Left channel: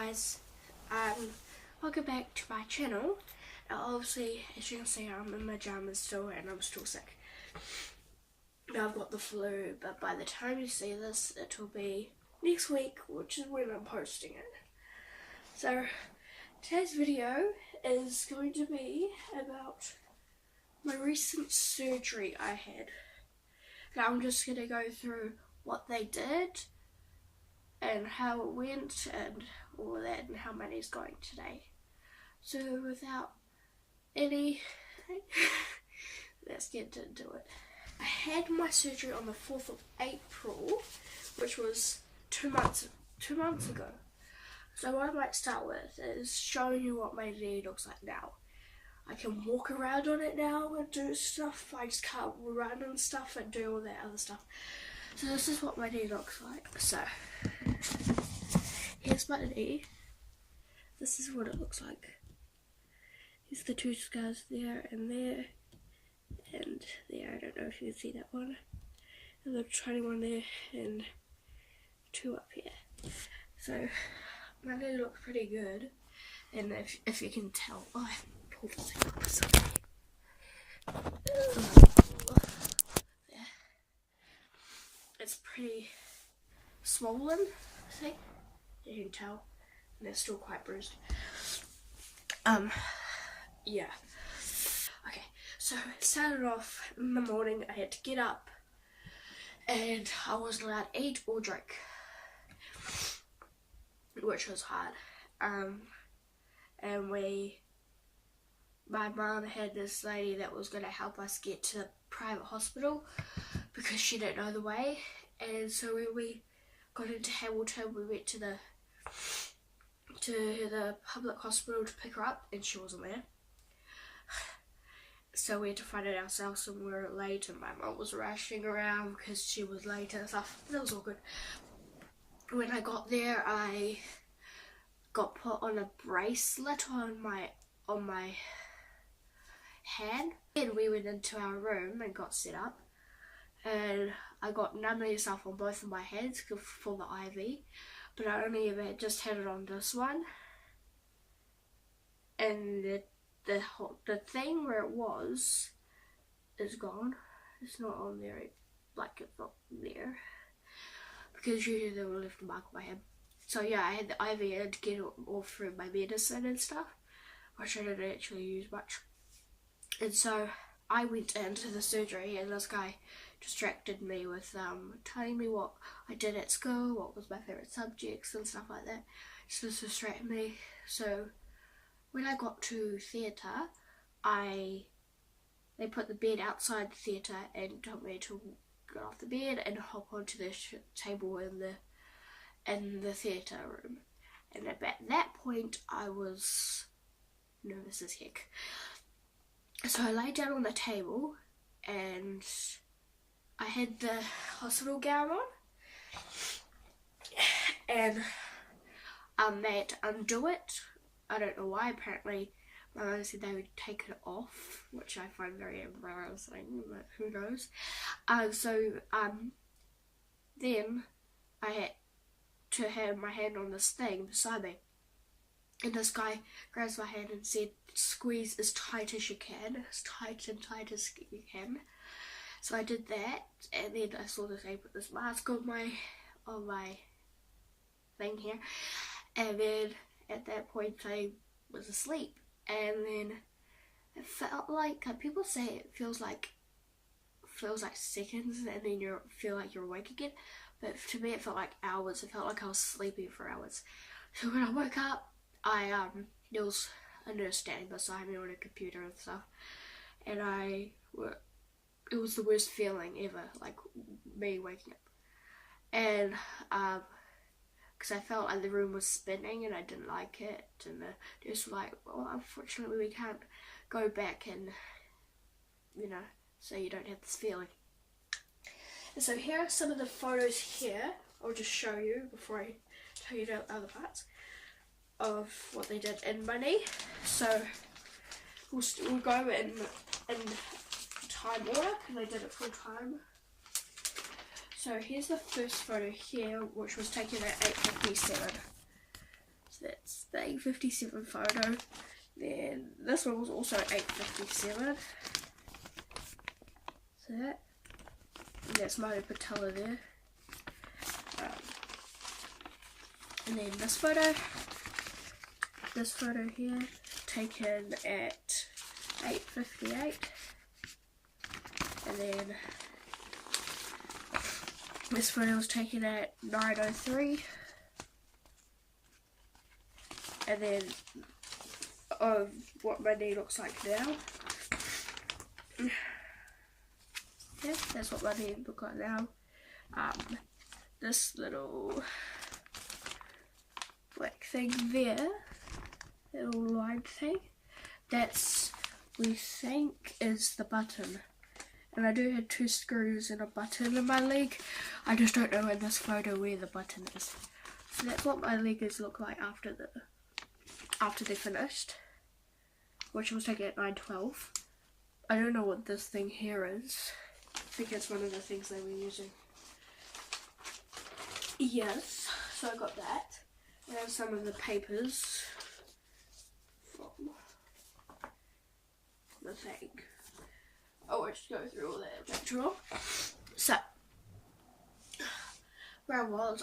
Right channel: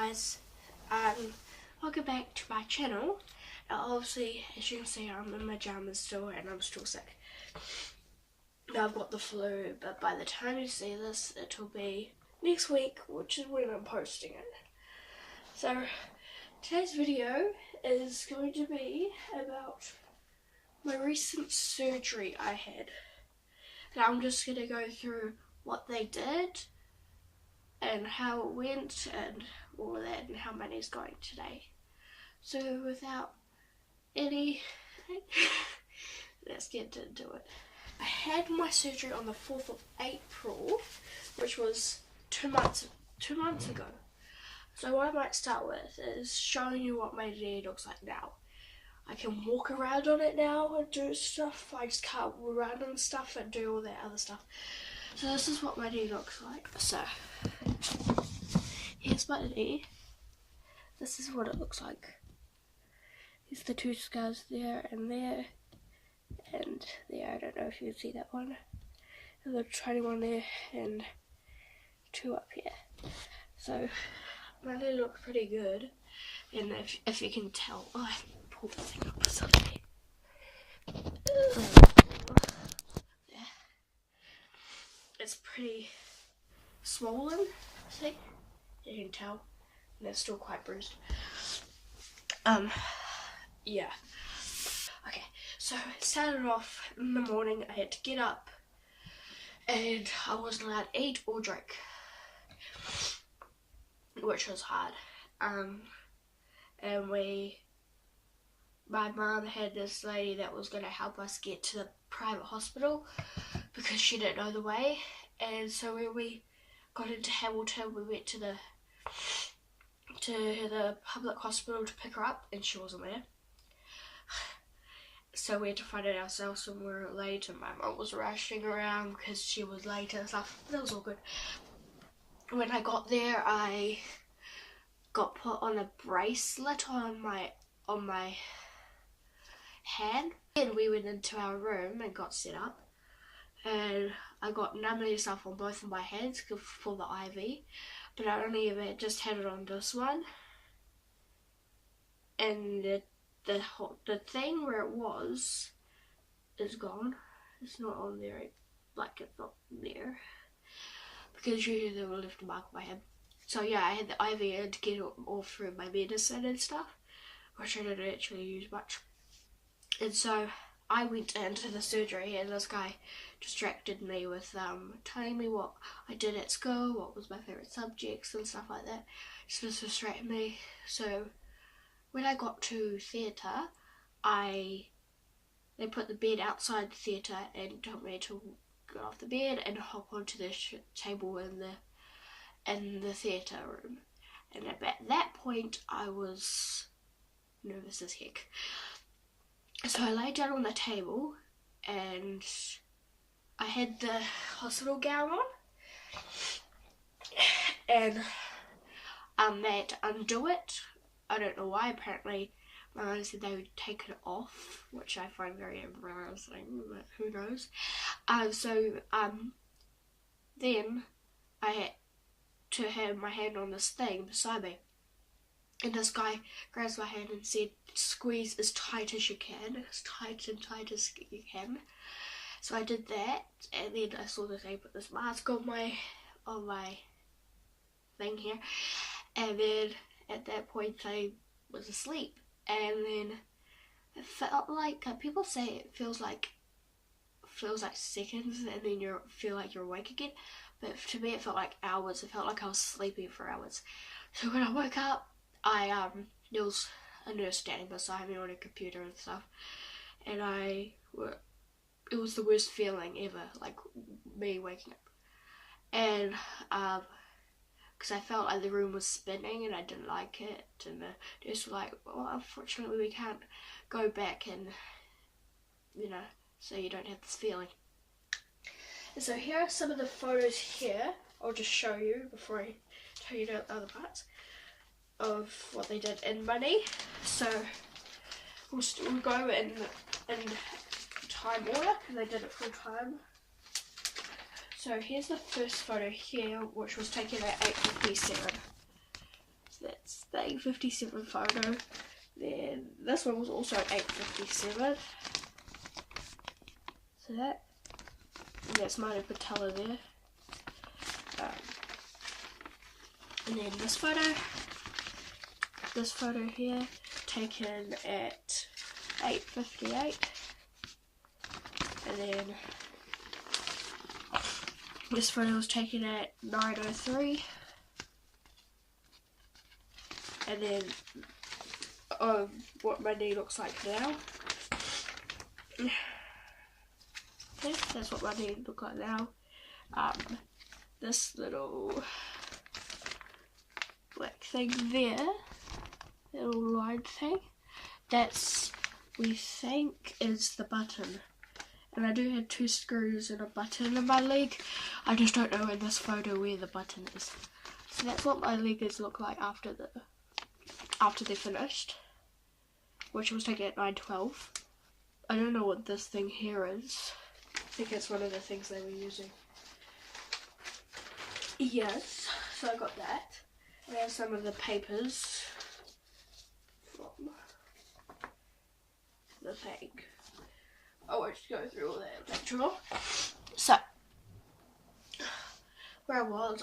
guys, welcome back to my channel. Now obviously, as you can see, I'm in my pajamas still and I'm still sick. Now I've got the flu, but by the time you see this, it'll be next week, which is when I'm posting it. So today's video is going to be about my recent surgery I had. And I'm just going to go through what they did and how it went and all of that and how my knee's going today. So without any let's get into it. I had my surgery on the 4th of April, which was two months ago. So what I might start with is showing you what my knee looks like now. I can walk around on it now and do stuff. I just can't run and stuff and do all that other stuff. So this is what my knee looks like. So here's my knee. This is what it looks like. Here's the two scars there and there. And there, I don't know if you can see that one. And the tiny one there and two up here. So my knee looks pretty good. And if you can tell, oh, I pulled the thing up or something. Yeah. It's pretty swollen, see? You can tell. And it's still quite bruised. Yeah. Okay, so it started off in the morning. I had to get up and I wasn't allowed to eat or drink, which was hard. And my mum had this lady that was going to help us get to the private hospital because she didn't know the way. And so when we got into Hamilton, we went to the public hospital to pick her up, and she wasn't there. So we had to find it ourselves, and we were late, and my mum was rushing around because she was late and stuff. That was all good. When I got there, I got put on a bracelet on my hand, and we went into our room and got set up, and I got numbing stuff on both of my hands for the IV, but I only ever just had it on this one, and the thing where it was is gone. It's not on there, like it's not there, because usually they would lift a mark on my head. So yeah, I had the IV in to get it all through my medicine and stuff, which I didn't actually use much. And so I went into the surgery, and this guy distracted me with telling me what I did at school, what was my favourite subjects and stuff like that, just to distract me. So when I got to theatre, they put the bed outside the theatre and told me to get off the bed and hop onto the table in the theatre room. And at that point, I was nervous as heck. So I lay down on the table, and I had the hospital gown on, and they had to undo it. I don't know why. Apparently my mum said they would take it off, which I find very embarrassing, but who knows. Then I had to have my hand on this thing beside me, and this guy grabs my hand and said, squeeze as tight as you can, as tight and tight as you can. So I did that, and then I saw that they put this mask on my thing here, and then at that point I was asleep. And then it felt like, people say it feels like seconds, and then you feel like you're awake again, but to me it felt like hours. It felt like I was sleeping for hours. So when I woke up, there was a nurse standing beside me on a computer and stuff, and it was the worst feeling ever, like me waking up, and because I felt like the room was spinning and I didn't like it, and the nurse was like, well, unfortunately we can't go back and, so you don't have this feeling. And so here are some of the photos here. I'll just show you before I tell you the other parts of what they did in my knee. So we'll go in time order because I did it full time. So here's the first photo here, which was taken at 8:57. So the 8:57 photo. Then this one was also 8:57. So that's Manu Patella there. And then this photo here, taken at 8:58. And then this photo was taken at 9:03. And then what my knee looks like now. Okay, that's what my knee looks like now. This little black thing there, little line thing, that's, we think, is the button. And I do have 2 screws and a button in my leg. I just don't know in this photo where the button is. So that's what my leggings look like after they're finished, which was taken at 9:12. I don't know what this thing here is. I think it's one of the things they were using. Yes, so I got that. I have some of the papers from the thing. I won't go through all that later on. So, where I was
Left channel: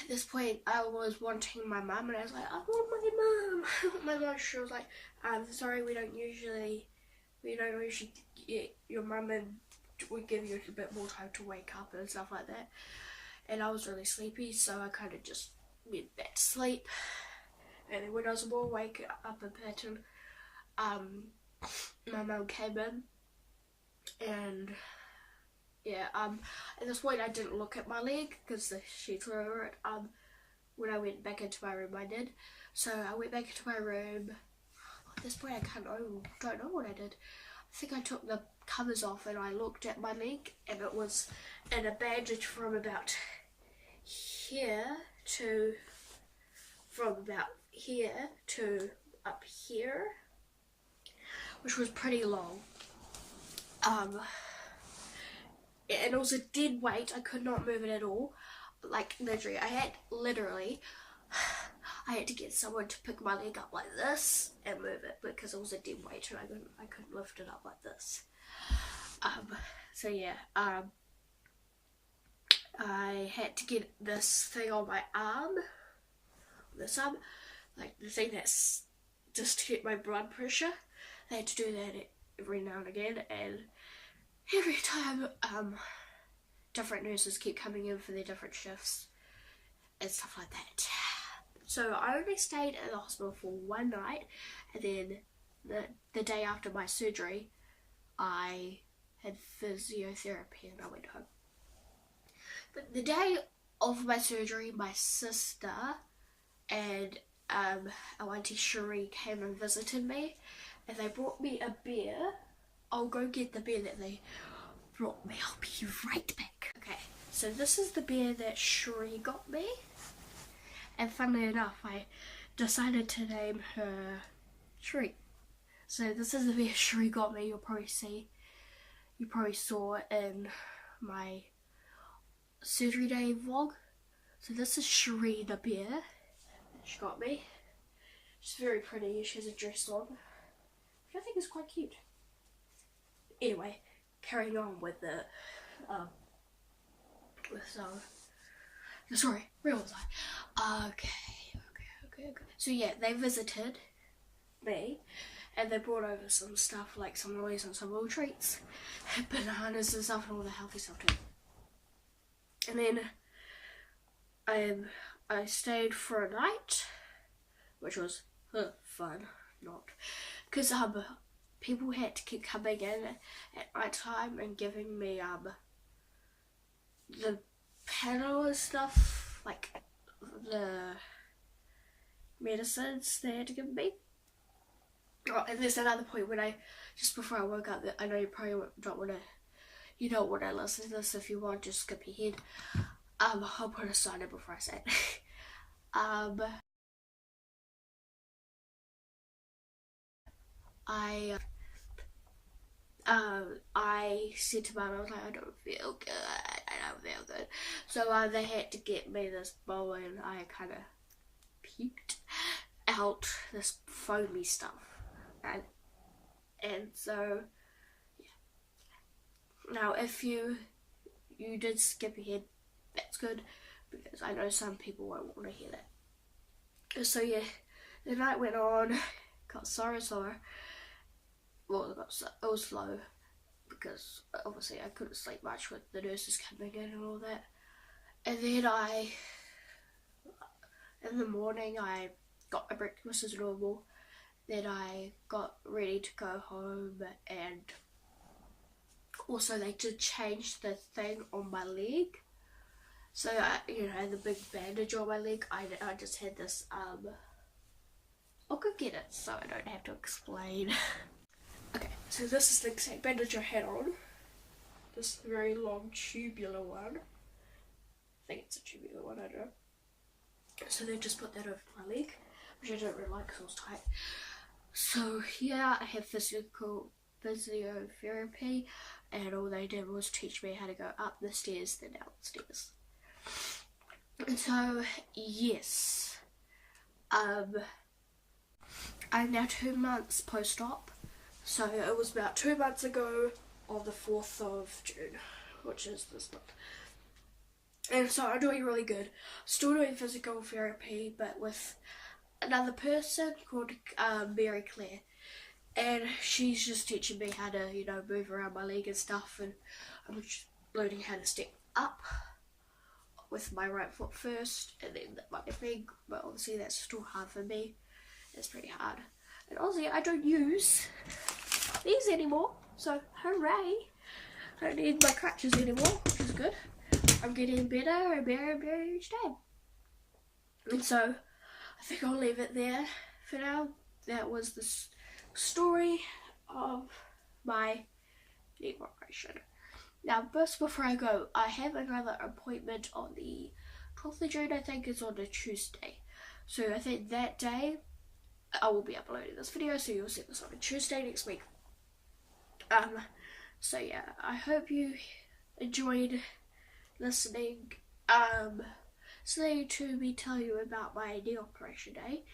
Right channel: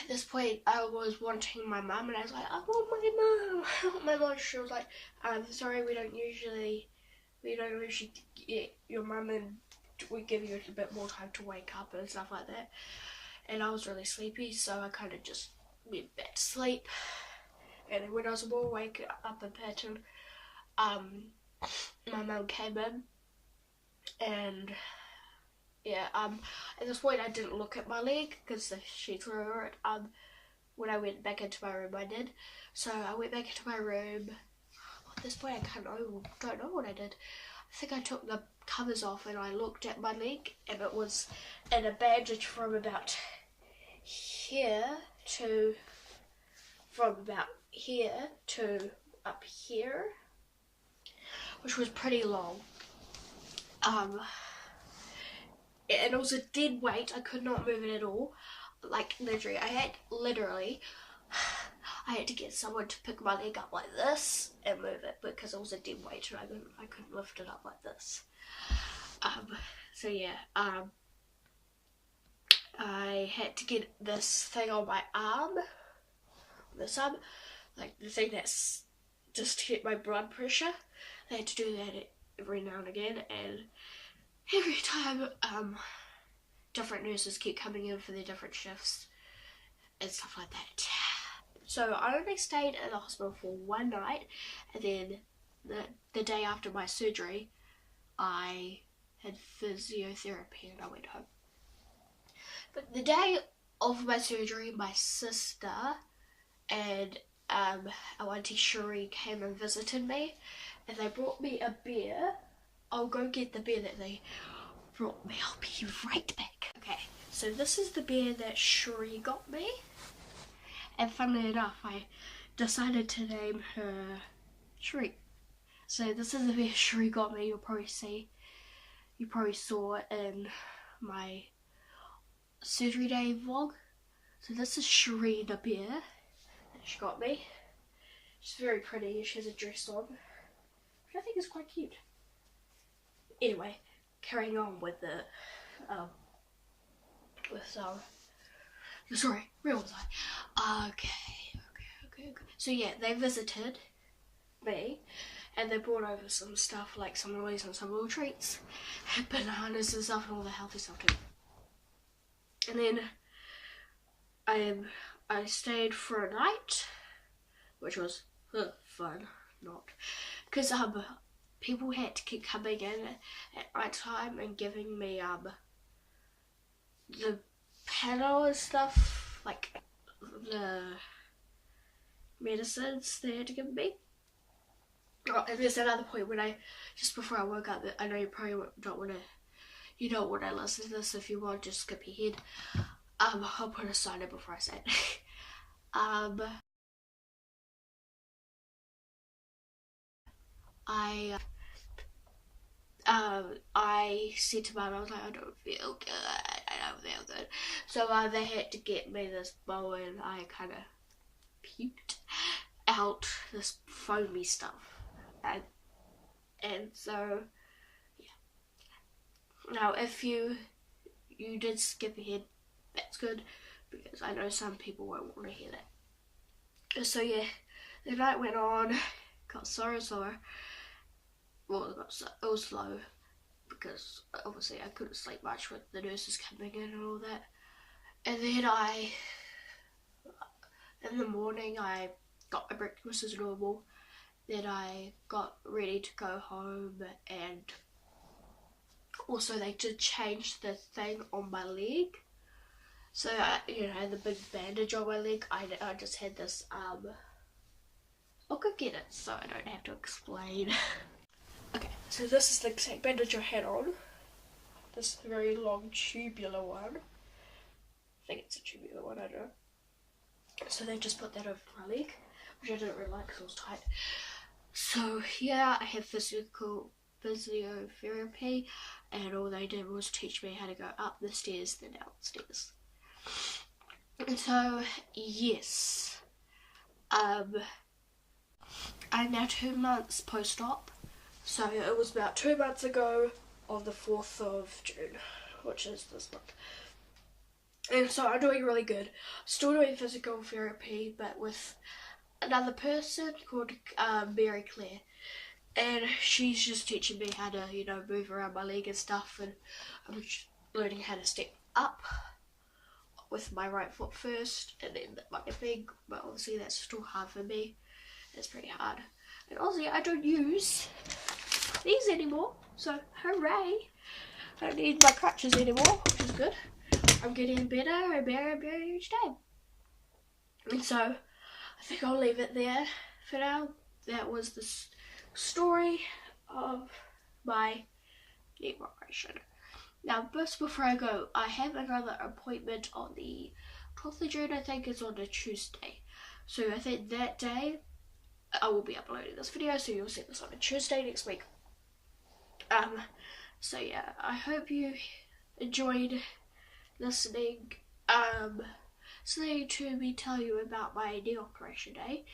at this point I was wanting my mum, and I was like, I want my mum. My mum, she was like, sorry, we don't usually get your mum, and we give you a bit more time to wake up and stuff like that. And I was really sleepy, so I kind of just went back to sleep. And then when I was more awake up in pattern, my mum came in, and yeah, at this point I didn't look at my leg because the sheets were over it. When I went back into my room, I did. So I went back into my room. At this point, I don't know what I did. I think I took the covers off and I looked at my leg, and it was in a bandage from about here to up here, which was pretty long. And it was a dead weight. I could not move it at all. Like literally, I had to get someone to pick my leg up like this and move it because it was a dead weight and I couldn't lift it up like this. So yeah, I had to get this thing on my arm, like the thing that's just to get my blood pressure. I had to do that every now and again, and every time different nurses keep coming in for their different shifts and stuff like that. So I only stayed at the hospital for one night, and then the day after my surgery I had physiotherapy and I went home. But the day of my surgery, my sister and our auntie Cherie came and visited me, and they brought me a beer. I'll go get the beer that they brought me. I'll be right back. Okay, so this is the beer that Cherie got me, and funnily enough, I decided to name her Cherie. So this is the beer Cherie got me. You probably saw it in my surgery day vlog. So this is Cherie the beer that she got me. She's very pretty. She has a dress on, which I think is quite cute. Anyway, carrying on with the story. Where was I? Okay. So yeah, they visited me, and they brought over some stuff, like some lollies and some little treats, bananas and stuff, and all the healthy stuff too. And then I stayed for a night, which was fun, not because people had to keep coming in at night time and giving me the panel and stuff, like the medicines they had to give me. Oh, and there's another point when just before I woke up, I know you probably don't want to, you don't want to listen to this. If you want, just skip ahead. I'll put a sign in before I say it. I said to Mum, I was like, I don't feel good, I don't feel good. So they had to get me this bowl, and I kind of puked out this foamy stuff. And so, yeah. Now, if you did skip ahead, that's good, because I know some people won't want to hear that. So yeah, the night went on, got slower and slower. Well, it was slow, because obviously I couldn't sleep much with the nurses coming in and all that. And then in the morning, I got my breakfast as normal. Then I got ready to go home, and also they did change the thing on my leg. So I had the big bandage on my leg. I just had this, I'll go get it so I don't have to explain. Okay, so this is the exact bandage I had on. This very long tubular one. I think it's a tubular one, I don't know. So they just put that over my leg, which I don't really like because it was tight. So yeah, I have physiotherapy, and all they did was teach me how to go up the stairs, then downstairs. And so yes, I'm now 2 months post-op. So it was about 2 months ago on the 4th of June, which is this month. And so I'm doing really good. Still doing physical therapy, but with another person called Mary Claire. And she's just teaching me how to, move around my leg and stuff. And I'm just learning how to step up with my right foot first, and then my leg. But obviously that's still hard for me. It's pretty hard. And obviously I don't use these anymore, so hooray! I don't need my crutches anymore, which is good. I'm getting better and better and better each day. And so I think I'll leave it there for now. That was the story of my knee operation. Now, just before I go, I have another appointment on the 12th of June, I think is on a Tuesday. So I think that day I will be uploading this video, so you'll see this on a Tuesday next week. So yeah, I hope you enjoyed listening to me tell you about my knee operation day.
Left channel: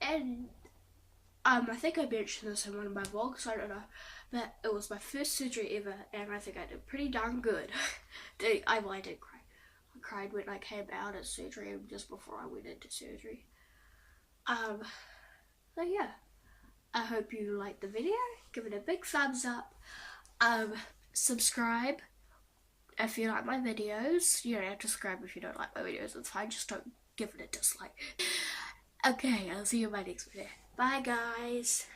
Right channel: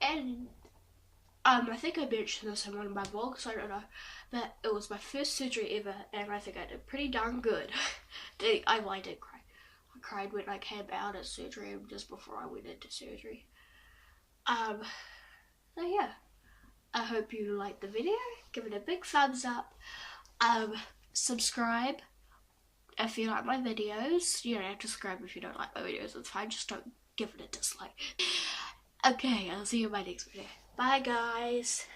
And I think I mentioned this in one of my vlogs, I don't know, but it was my first surgery ever, and I think I did pretty darn good. I did cry. I cried when I came out of surgery, just before I went into surgery. So yeah, I hope you liked the video. Give it a big thumbs up. Subscribe if you like my videos. You don't have to subscribe if you don't like my videos, it's fine, just don't give it a dislike. Okay, I'll see you in my next video. Bye guys.